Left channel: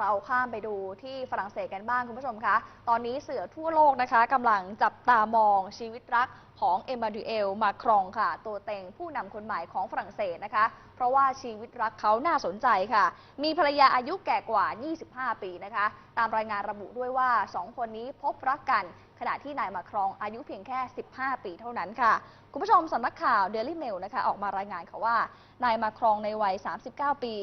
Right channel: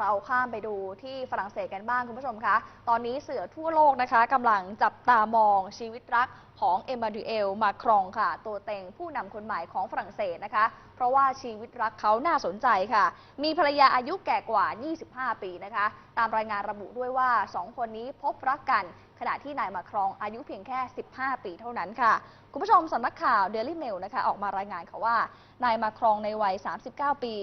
เราข้ามไปดูที่ฝรั่งเศสกันบ้างคุณผู้ชมคะ ตอนนี้เสือทั่วโลกนะคะกำลังจับตามองชีวิตรักของเอมมาดูเอลมาครองค่ะ ตัวเต็งผู้นำคนใหม่ของฝรั่งเศสนะคะ เพราะว่าชีวิตรักเขาน่าสนใจค่ะ มีภรรยาอายุแก่กว่า 25 ปีนะคะ ตามรายงานระบุด้วยว่า 2 คนนี้พบรักกัน ขณะที่นายมาครองอายุเพียงแค่ 15 ปีเท่านั้นค่ะ คุณผู้ชมสำนักข่าวเดลิเมลนะคะออกมารายงานค่ะว่านายมาครองในวัย 39 ปี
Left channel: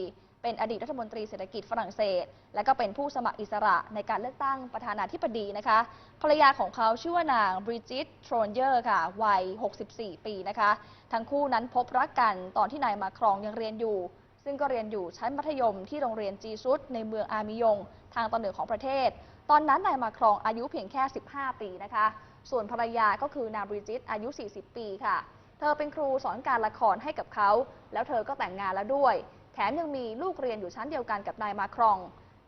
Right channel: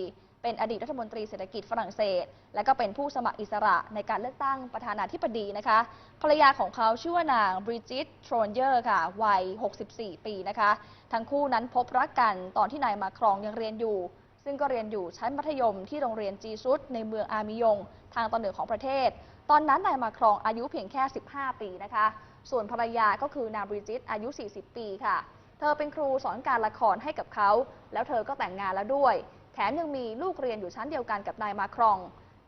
เป็นอดีตรัฐมนตรีเศรษฐกิจฝรั่งเศส และก็เป็นผู้สมัครอิสระในการเลือกตั้งประธานาธิบดีนะคะ ภรรยาของเขาชื่อว่านางบริจิตโทรนเยอร์ค่ะ วัย 64 ปีนะคะ ทั้งคู่นั้นพบรักกันตอนที่นายมาครองยังเรียนอยู่ ซึ่งก็เรียนอยู่ชั้นมัธยมที่โรงเรียนจีซุดในเมืองอามิยง ทางตอนเหนือของประเทศ ตอนนั้นนายมาครองอายุเพียงแค่ 15 ปีนะคะ ส่วนภรรยาก็คือนางบริจิตอายุ 40 ปีค่ะเธอเป็นครูสอนการละครให้กับเขา แล้วเธอก็แต่งงานแล้วด้วย แถมยังมีลูกเรียนอยู่ชั้นเดียวกันกับนายมาครอง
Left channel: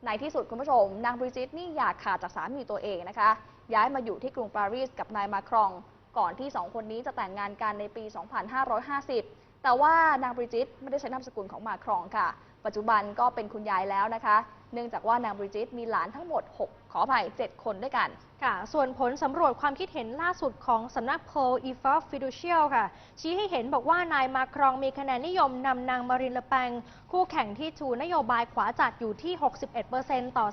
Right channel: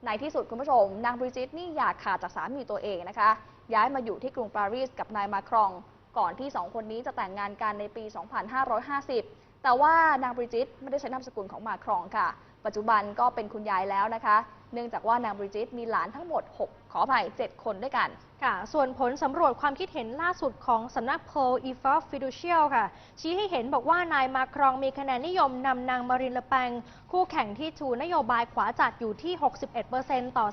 ในที่สุดคุณผู้ชม นางบริจิตนี่อยากขาดจากสามีตัวเองนะคะ ย้ายมาอยู่ที่กรุงปารีสกับนายมาครอง ก่อนที่สองคนนี้จะแต่งงานกันในปี 2550 แต่ว่านางบริจิตไม่ได้ใช้นามสกุลของมาครองค่ะ ปัจจุบันก็เป็นคุณยายแล้วนะคะเนื่องจากว่านางบริจิตมีหลานทั้งหมด 6 ขออภัย 7 คนด้วยกันค่ะ ส่วนผลสำรวจความคิดเห็นล่าสุดของสำนักโพลอีฟอฟิดูเชียลค่ะ ชี้ให้เห็นบอกว่านายมาครองมีคะแนนนิยมนำนางมารินเลอแปงคู่แข่งที่ชูนโยบายขวาจัดอยู่ที่ 61%ต่อ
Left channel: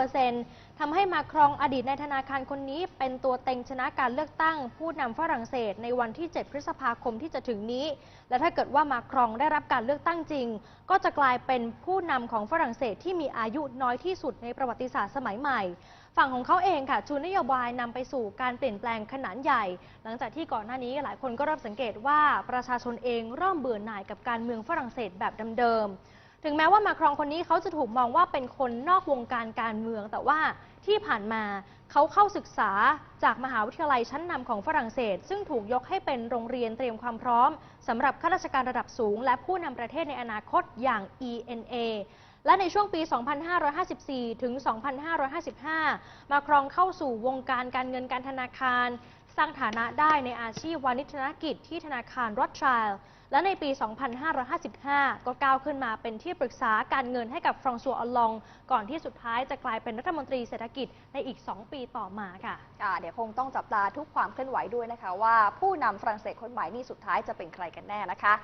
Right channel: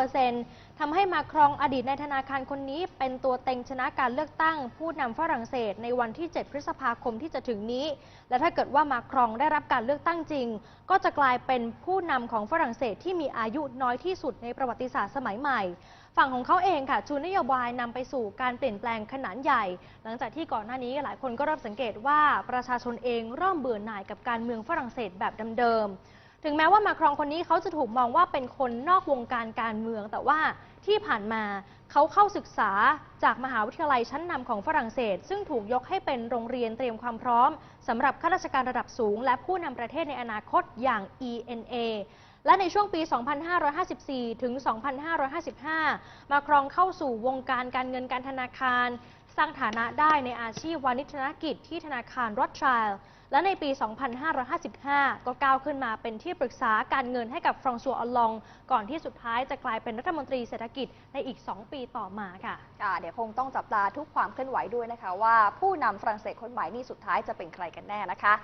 39%ทำให้มาครองอดีตในายธนาคารคนนี้เป็นตัวเต็งชนะการเลือกตั้ง ผู้นำฝรั่งเศสในวันที่ 7 พฤษภาคมที่จะถึงนี้ และถ้าเกิดว่ามาครองได้รับการเลือกตั้งจริง ก็จะกลายเป็นผู้นำของฝรั่งเศสที่มีอายุน้อยที่สุดในประวัติศาสตร์สมัยใหม่ ฝั่งของเขาเองค่ะชูนโยบายนำไปสู่การเปลี่ยนแปลงขนาดใหญ่ หลังจากที่ก่อนหน้านี้หลายคนก็เริ่มสังเกตว่าประชาชนเองเริ่มเบื่อหน่ายกับการเมืองฝรั่งเศสแบบเดิมๆถึงแม้ว่ามาครองคนนี้เขาจะถูกมองว่าเป็นคนนอกวงการการเมือง แต่ว่าที่ผ่านมาเขาเข้าศึกษาจากมหาวิทยาลัยชั้นนำของฝรั่งเศส ซึ่งถูกยกให้เป็นโรงเรียนเตรียมความพร้อมสำหรับข้าราชการระดับสูง และผู้นำประเทศในอนาคตอย่าง ENA และในช่วงปี 2554 ถึง 2555 มาครองเข้าสู่วงการการเงินการธนาคาร สร้างฐานะได้ในอาชีพวานิชนกิจที่ธนาคารรอดช i ลและในปี 2555 ก็ก้าวขึ้นมาเป็นที่ปรึกษาการเงินให้กับฟรองซัวออลอง ก่อนที่สุดท้ายจะกลายเป็นรัฐมนตรีเศรษฐกิจในอีก 2 ปีต่อมาค่ะค่ะเดี๋ยวคงต้องจับตาทุกความเคลื่อนไหวด้วยนะคะว่าผู้นำฝรั่งเศสคนใหม่นี่สุดท้ายจะเป็นใครกันแน่นะคะ